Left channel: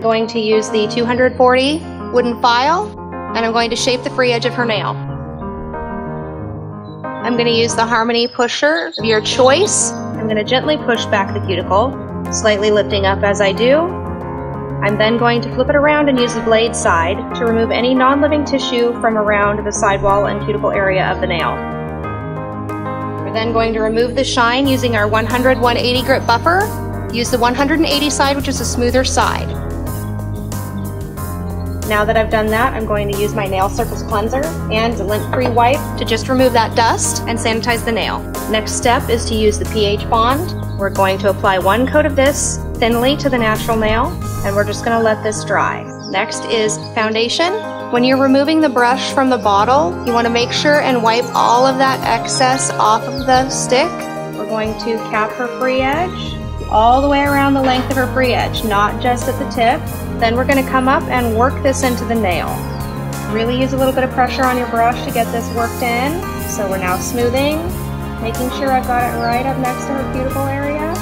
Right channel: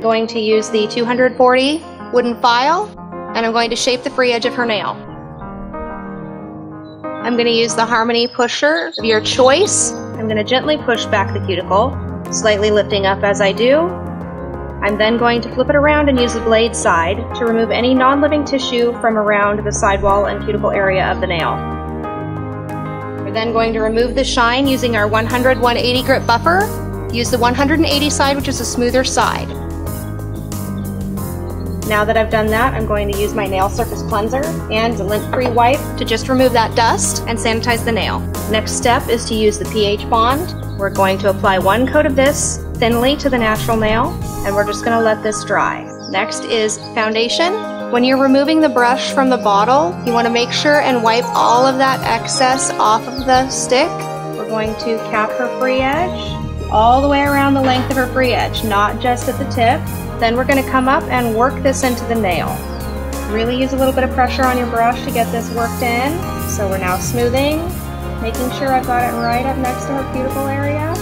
I'm going to use the 240 wooden file, and I'm going to shape the free edge of her nail. I'm going to use the Harmony pusher of your choice. I'm going to gently push back the cuticle, slightly lifting up as I do. I'm then going to flip it around and use the blade side to remove any non-living tissue from around the sidewall and cuticle area of the nail. We're then going to remove the shine using our 100-180 grit buffer. Use the 180 side, which is a smoother side. Now that I've done that, I'm going to use my nail surface cleanser and lint-free wipe to just remove that dust and sanitize the nail. Next step is to use the pH bond. We're going to apply one coat of this thinly to the natural nail, and we're just going to let this dry. Next is foundation. When you're removing the brush from the bottle, you want to make sure and wipe all of that excess off of the stick. We're going to cap her free edge all the way around the length of her free edge, not just at the tip. Then we're going to come up and work this into the nail. Really use a little bit of pressure on your brush to get this worked in. So we're now smoothing, making sure I've got it right up next to her cuticle area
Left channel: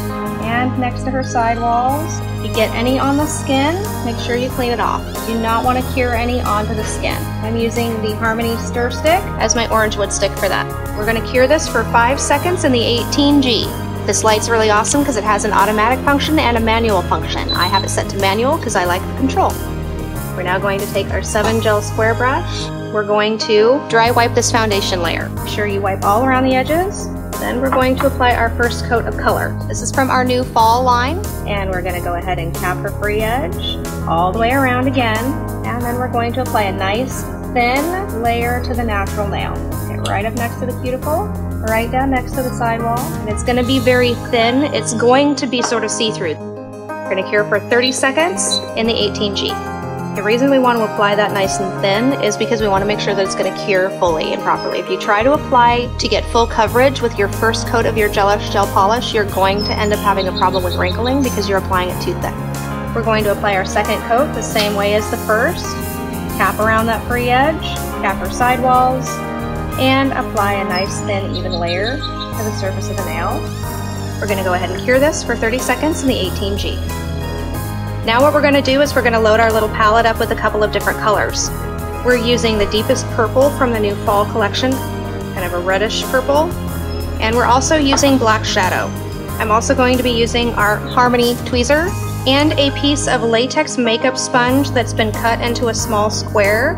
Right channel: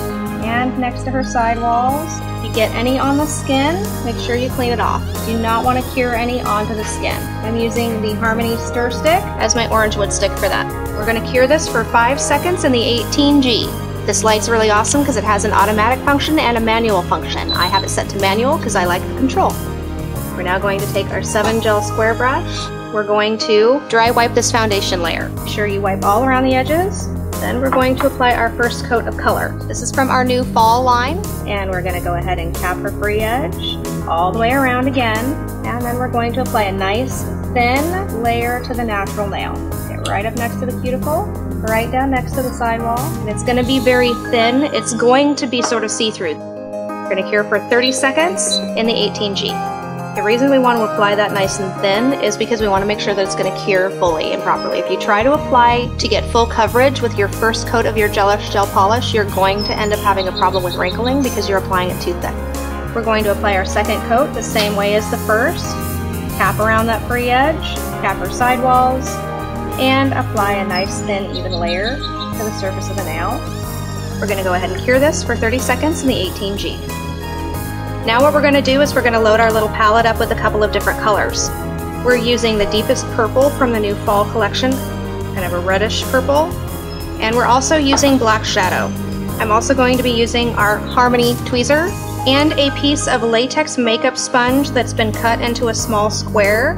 and next to her sidewalls. If you get any on the skin, make sure you clean it off. You do not want to cure any onto the skin. I'm using the Harmony Stir Stick as my orange wood stick for that. We're going to cure this for 5 seconds in the 18G. This light's really awesome because it has an automatic function and a manual function. I have it set to manual because I like the control. We're now going to take our 7 gel square brush. We're going to dry wipe this foundation layer. Make sure you wipe all around the edges. Then we're going to apply our first coat of color. This is from our new fall line, and we're going to go ahead and cap her free edge all the way around again. And then we're going to apply a nice thin layer to the natural nail. Get right up next to the cuticle, right down next to the sidewall. It's going to be very thin. It's going to be sort of see-through. We're going to cure for 30 seconds in the 18G. The reason we want to apply that nice and thin is because we want to make sure that it's going to cure fully and properly. If you try to apply to get full coverage with your first coat of your Gelish gel polish, you're going to end up having a problem with wrinkling because you're applying it too thick. We're going to apply our second coat the same way as the first. Cap around that free edge, cap her sidewalls, and apply a nice thin even layer to the surface of the nail. We're going to go ahead and cure this for 30 seconds in the 18G. Now what we're going to do is we're going to load our little palette up with a couple of different colors. We're using the deepest purple from the new fall collection, kind of a reddish purple, and we're also using black shadow. I'm also going to be using our Harmony tweezer and a piece of latex makeup sponge that's been cut into a small square.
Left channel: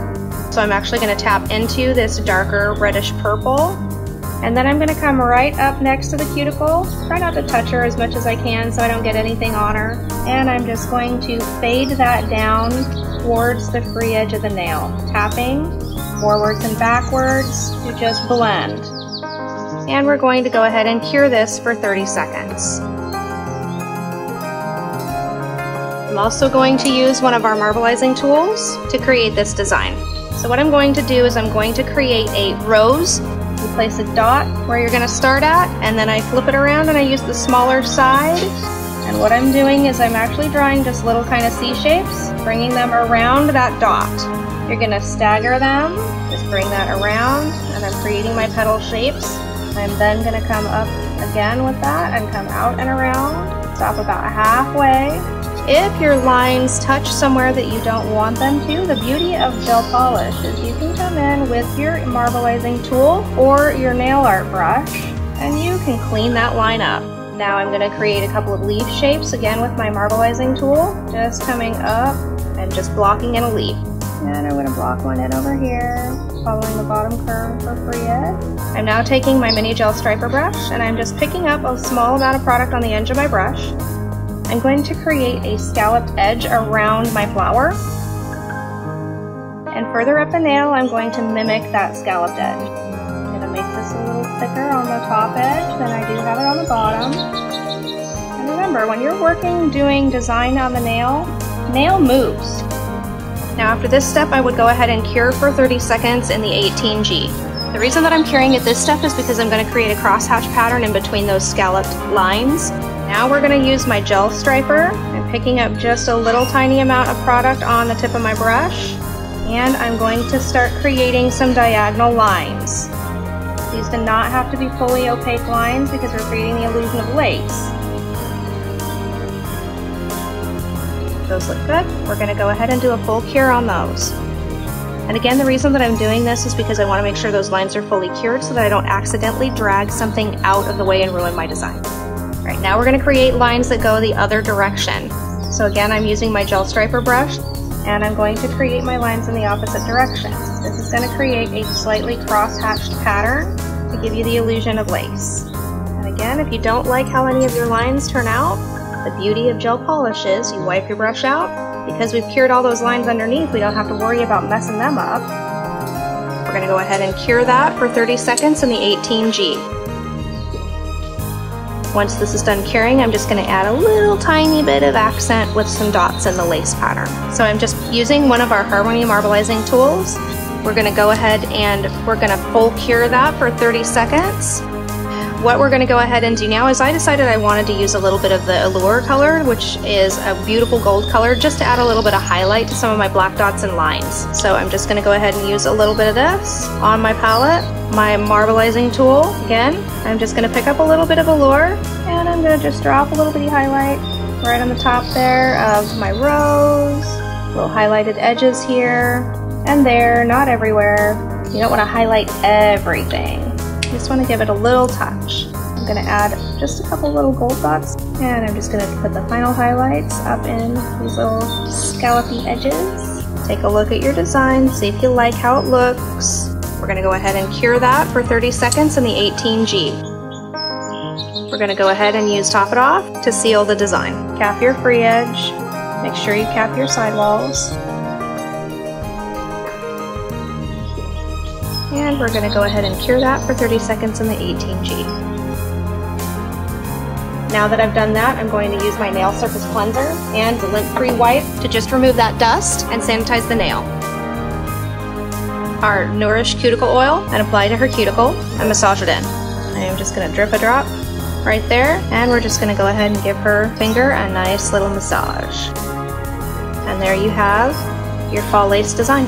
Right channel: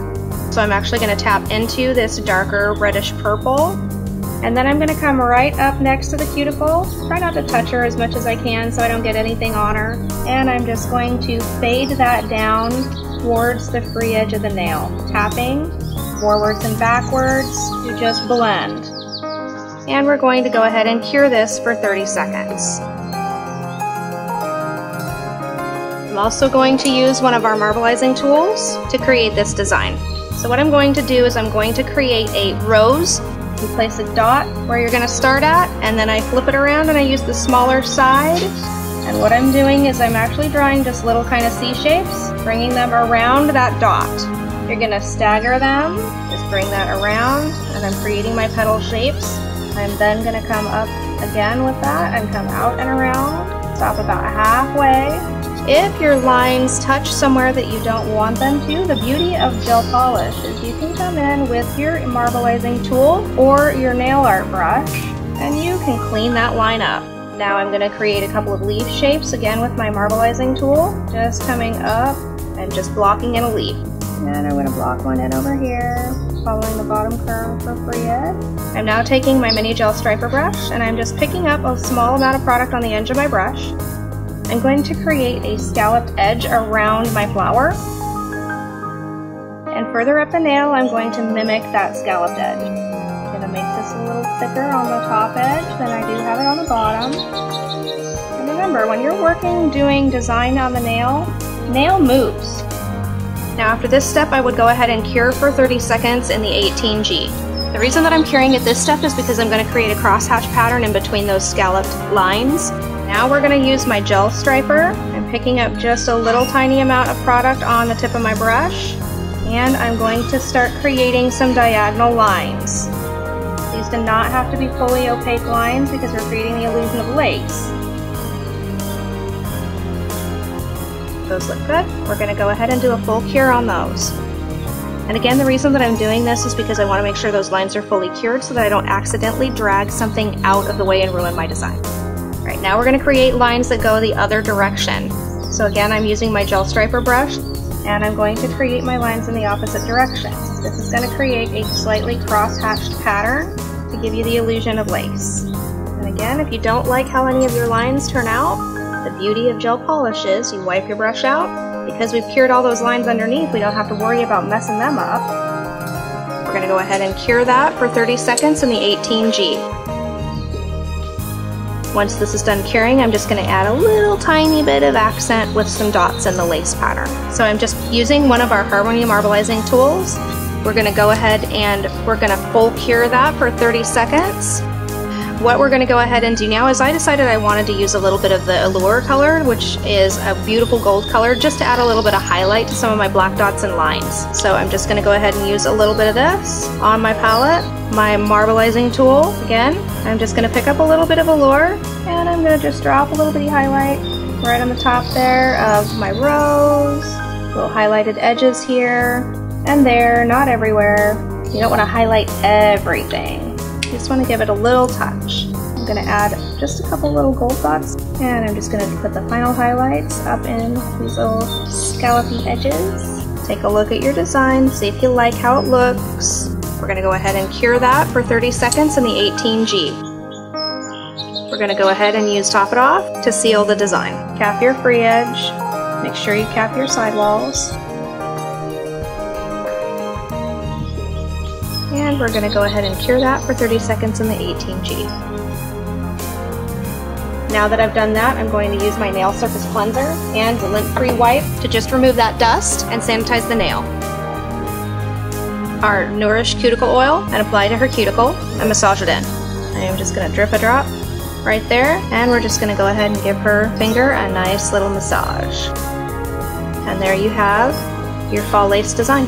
So I'm actually going to tap into this darker reddish purple. And then I'm going to come right up next to the cuticle. Try not to touch her as much as I can so I don't get anything on her. And I'm just going to fade that down towards the free edge of the nail. Tapping forwards and backwards to just blend. And we're going to go ahead and cure this for 30 seconds. I'm also going to use one of our marbleizing tools to create this design. So what I'm going to do is I'm going to create a rose. You place a dot where you're going to start at, and then I flip it around and I use the smaller side. And what I'm doing is I'm actually drawing just little kind of C shapes, bringing them around that dot. You're going to stagger them, just bring that around, and I'm creating my petal shapes. I'm then going to come up again with that and come out and around, stop about halfway. If your lines touch somewhere that you don't want them to, the beauty of gel polish is you can come in with your marbleizing tool or your nail art brush and you can clean that line up. Now I'm going to create a couple of leaf shapes again with my marbleizing tool, just coming up and just blocking in a leaf. And I'm going to block one in over here, following the bottom curve for free edge. I'm now taking my mini gel striper brush and I'm just picking up a small amount of product on the edge of my brush. I'm going to create a scalloped edge around my flower. And further up the nail, I'm going to mimic that scalloped edge. I'm going to make this a little thicker on the top edge than I do have it on the bottom. And remember, when you're working doing design on the nail moves. Now after this step, I would go ahead and cure for 30 seconds in the 18G. The reason that I'm curing at this step is because I'm going to create a crosshatch pattern in between those scalloped lines. Now we're going to use my gel striper. I'm picking up just a little tiny amount of product on the tip of my brush, and I'm going to start creating some diagonal lines. These do not have to be fully opaque lines because we're creating the illusion of lace. So those look good. We're going to go ahead and do a full cure on those. And again, the reason that I'm doing this is because I want to make sure those lines are fully cured so that I don't accidentally drag something out of the way and ruin my design. All right, now we're going to create lines that go the other direction. So again, I'm using my gel striper brush, and I'm going to create my lines in the opposite direction. This is going to create a slightly cross-hatched pattern to give you the illusion of lace. And again, if you don't like how any of your lines turn out, the beauty of gel polish is you wipe your brush out. Because we've cured all those lines underneath, we don't have to worry about messing them up. We're going to go ahead and cure that for 30 seconds in the 18G. Once this is done curing, I'm just going to add a little tiny bit of accent with some dots in the lace pattern. So I'm just using one of our Harmony marbleizing tools. We're going to go ahead and we're going to full cure that for 30 seconds. What we're going to go ahead and do now is I decided I wanted to use a little bit of the Allure color, which is a beautiful gold color, just to add a little bit of highlight to some of my black dots and lines. So I'm just going to go ahead and use a little bit of this on my palette. My marbleizing tool, again, I'm just going to pick up a little bit of Allure, and I'm going to just drop a little bitty highlight right on the top there of my rose, little highlighted edges here and there, not everywhere. You don't want to highlight everything. You just want to give it a little touch. I'm going to add just a couple little gold dots, and I'm just going to put the final highlights up in these little scallopy edges. Take a look at your design, see if you like how it looks. We're going to go ahead and cure that for 30 seconds in the 18G. We're going to go ahead and use Top It Off to seal the design. Cap your free edge, make sure you cap your sidewalls. And we're going to go ahead and cure that for 30 seconds in the 18G. Now that I've done that, I'm going to use my nail surface cleanser and the lint-free wipe to just remove that dust and sanitize the nail. Our Nourish cuticle oil and apply to her cuticle and massage it in. I'm just going to drip a drop right there, and we're just going to go ahead and give her finger a nice little massage. And there you have your fall lace design.